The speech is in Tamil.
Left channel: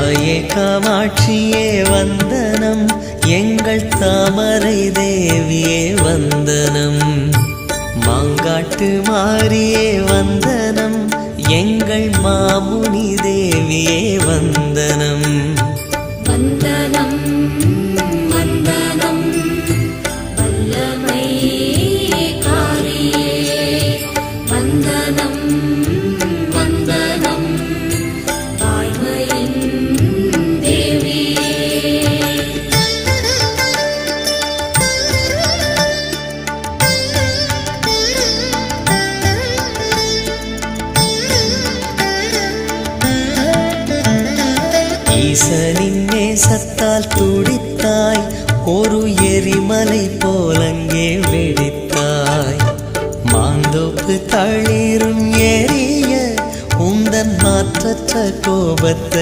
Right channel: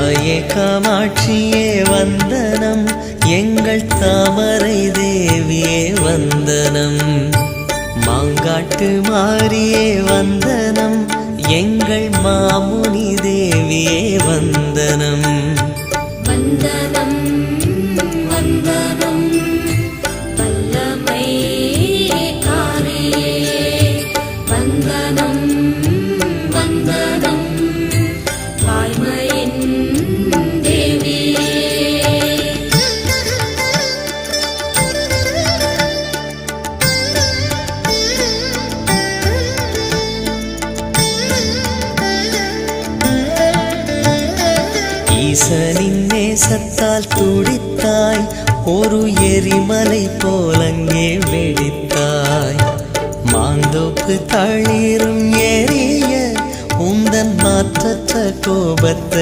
தாயே காமாட்சியே வந்தனம், எங்கள் தாமரை தேவியே வந்தனம். மாங்காட்டு மாரியே வந்தனம், எங்கள் மாமுனி தேவியே வந்தனம். வந்தனம் வந்தனம் வல்லமை காரியே, வந்தனம் வந்தனம் வாய்மையின் தேவியே. ஈசனின் நேசத்தால் துடித்தாய், ஒரு எரிமலை போலங்கே வெடித்தாய். மாந்தோப்பு தளிரும் எரிய உந்தன் மாற்றற்ற கோபத்தை